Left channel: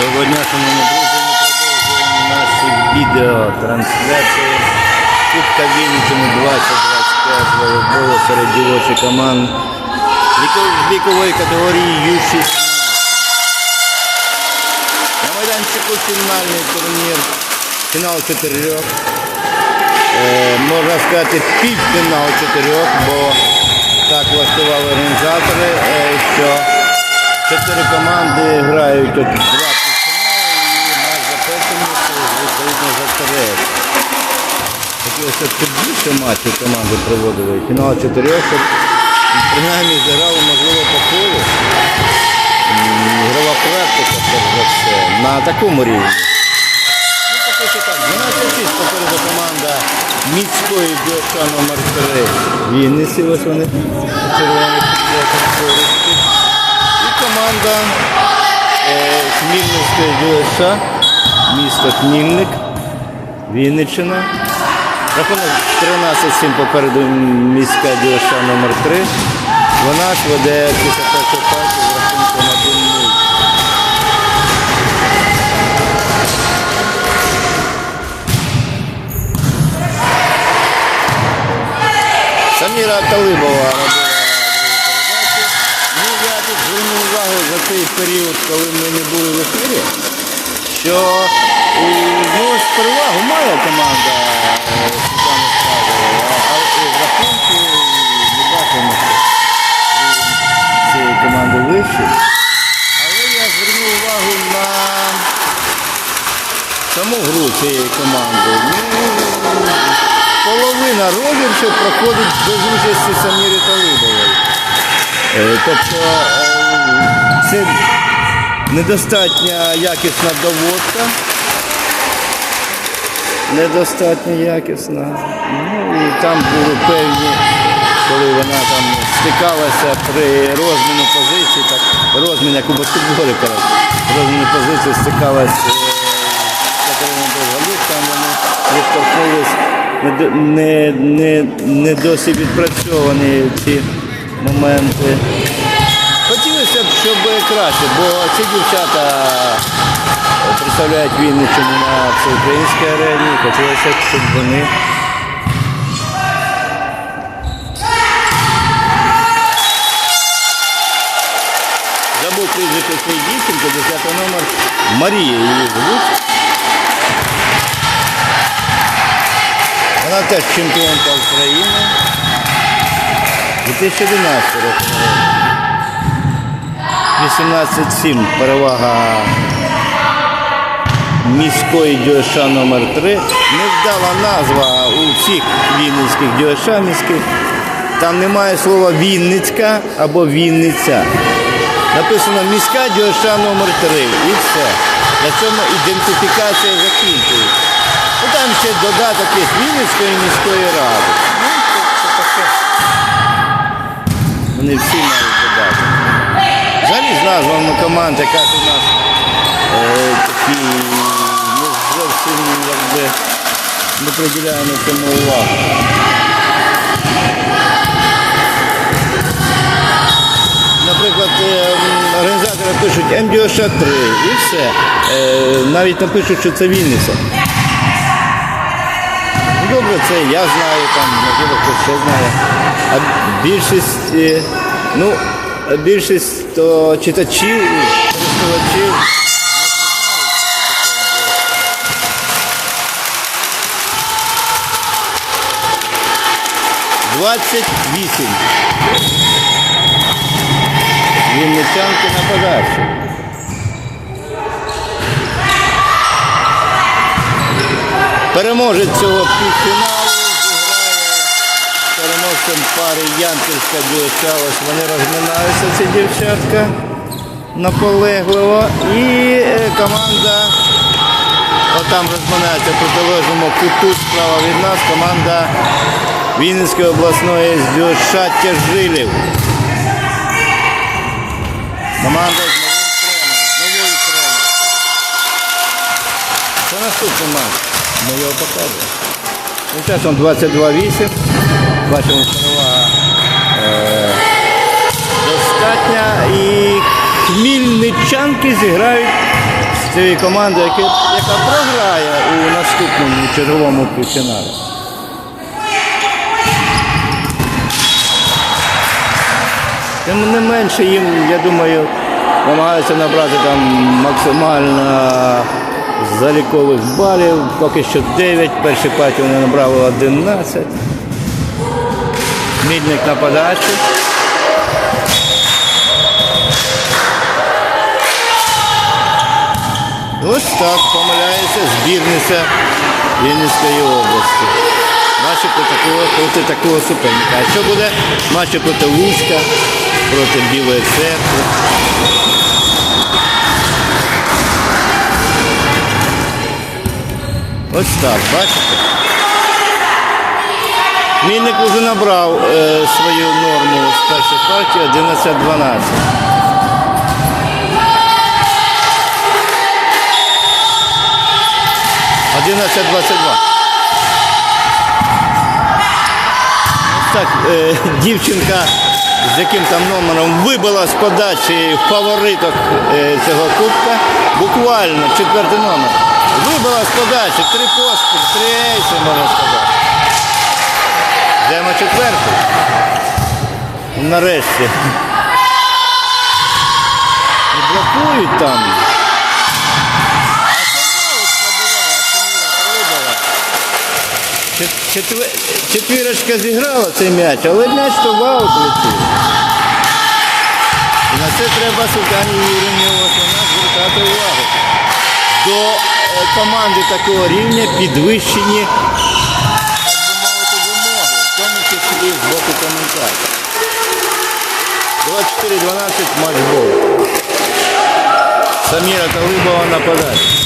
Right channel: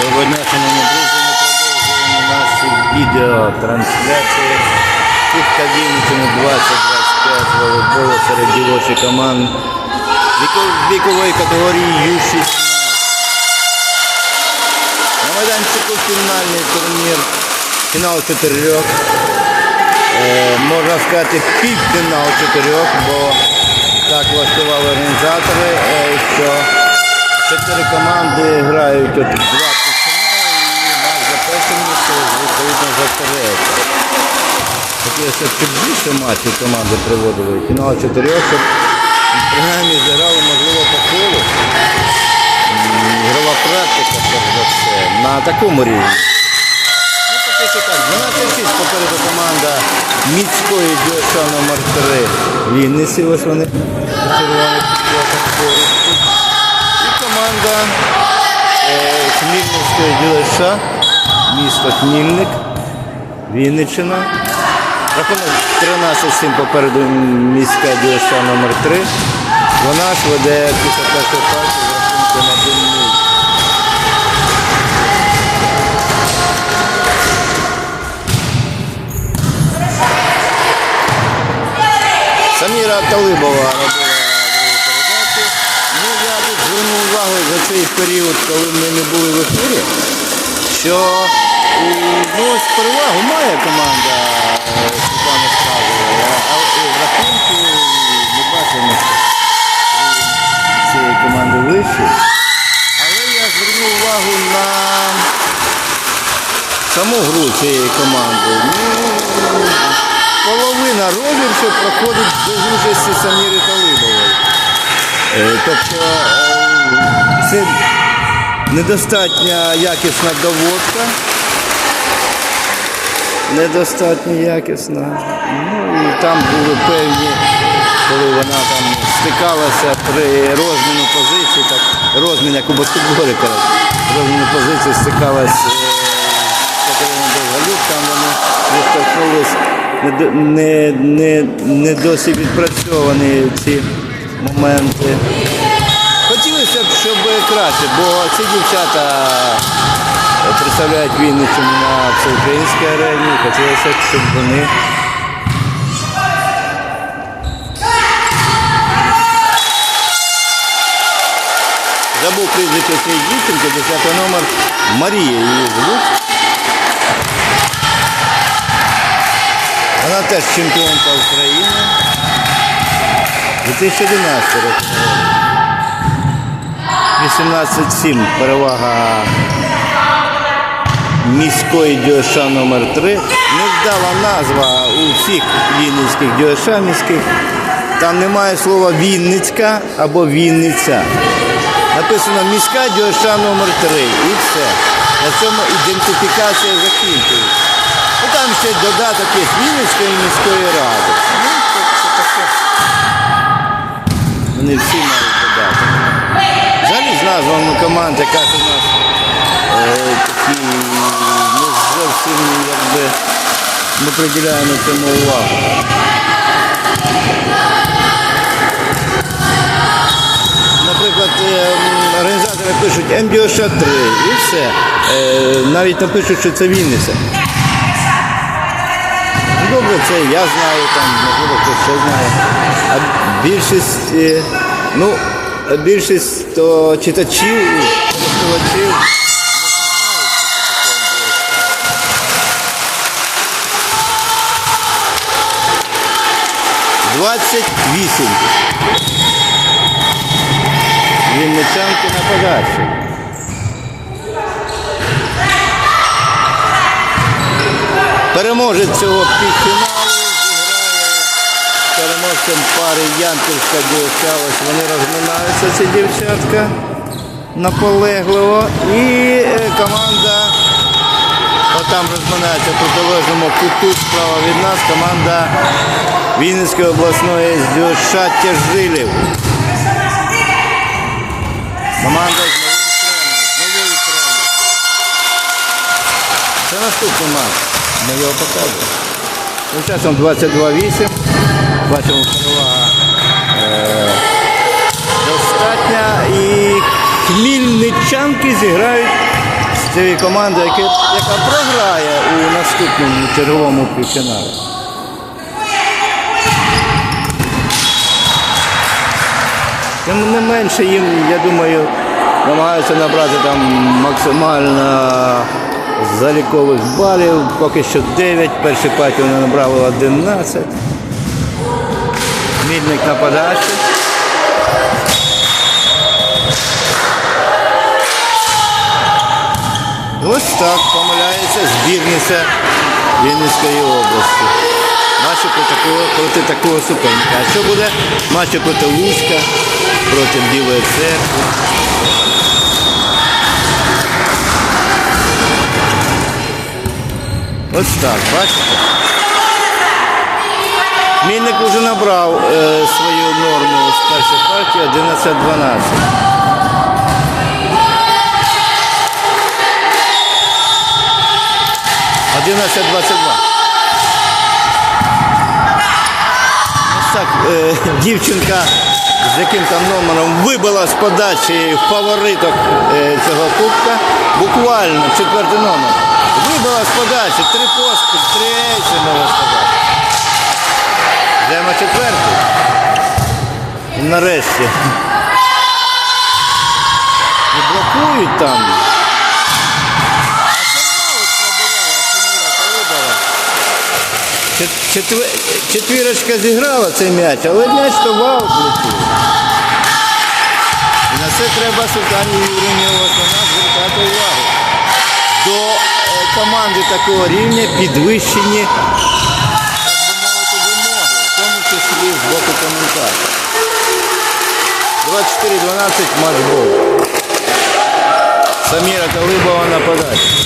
Доброго дня, шановні друзі. Ми продовжуємо наші відеотрансляції. Кубка Вінниччини 2025 з волейболу серед дівочих команд вікової категорії Ю-16. На майданчику фінальний турнір. Фінал чотирьох. Е, можна сказати, півфінал чотирьох, бо так влаштували організатори, е, що чотири команди грають от два півфінали і місце, відповідно за третє. Б, щоб більше матчів команди проводили. Фінал чотирьох, щоб принаймні зіграли, можливо, по колу. Ігрова практика, перш за все, на такому рівні. Ну, поки що так. 12-6 попереду команда міської дюша номер 3 Вінниці. Ось вони у червоних футболках поруч тут. І команда е, Хмільницької дюша, місто Хмільник, Вінниччина. Рахунок 13-7 попереду міська дюша номер 3 Вона ж веде після першої партії з рахунком 1-0. Саміра Талибова робила. Ну, я тут звернув увагу за цей період, коли ми не були в ефірі, що ну, ось перевагу має команда е, Світлани а, а в рахунку ми бачимо, що цієї команди вищий. Але я звернув увагу на саму гру цієї команди. Ну, половина розіграшів проходить без участі Саміри Талибової. Е, Тобто е, це недостатня якісна доводка. Недостатньо якісна. Ну і там були певні, коли вона там стикалася при розміну позицій, так розмін як у баскетболі, розміну позиції стикалася е, Катерина Довгалюк, там вони відштовхнулись не, не, не, не досі відпрацьовані ці моменти. Хотілося б, щоб краще, бо ці дівчата представляють Вінниччину на всеукраїнській арені. Хотілося б, щоб вони Забув прізвище цієї дівчинки, 10 номер Марія її звуть. Вона теж чемпіонка України. 2011 року. 18-7 перевага міської ДЮШ номер 3 Невдала назва у всіх вінницьких ДЮШ міських. Там немає слова Вінницька або Вінниця. Написано міська ДЮШ номер 3 і все. На цьому ідентифікація закінчується. Ну там ще додаток є Вінницької міської ради. Вони всі мають додаток. Взагалі з назвами команд, якраз у нас е, такі не зовсім якби ми приділяємо цьому увагу. Наприклад, е, організатори пишуть МДОШ 3 і все. Е, навіть напишуть, що це Вінниця. Ну, Добре, це я знаю, там, можливо, хтось ще знає. А більшість, е, ну, більшість то читачів, користувачів. Двадцять вісім. Вінничанки на подачі. Переможець цього півфіналу переможцем пари Янківська дівча. Ось вони розминаються, ці дівчатка наполегливо. І е, команда отам розминається в протилежному куту справа від нас. Команда Вінницької обласної з Дюша Тяжилів. Команда з новим тренером, з новою тренеркою. Це наступний матч. Ми його показуємо. Тим часом 22-8. Бачимо перевага е, достатня. І хмільничанки зіграють з цієї команди, яка, яка програє у наступному черговому півфіналі. Тим не менше їм, я думаю, намагаються набрати там максимально залікових балів. Поки що 9, перші партії вони набрали 11. Мідник на подачі. Ось так помиляється збірниця Вінницької області. Матчі проти такого, проти суперника. А що буде матчі проти Луцька, проти Білої церкви? Ось так, бачите? Мінник вже набрав е, свою норму з першої партії 11-12. Одинадцять двадцять два. Так е, дівчинка з яким там номером вибила з подачі фавориток е, цього кубка. Буквально четвертий номер. Вибила з подачі, три поспіль, три ейси, можна сказати. Йдемо четвертий. Нарешті. І блокують там. Четвірочка зіграла цей м'яч, але м'яч то в летів. І на це треба Султані Юрівні Османа звертати увагу. До е, команди такого рівня підвищені, так би мовити, вимоги, в числі з боку коментаторів. 24-12 матч Самира Саміра Талибова на подачі.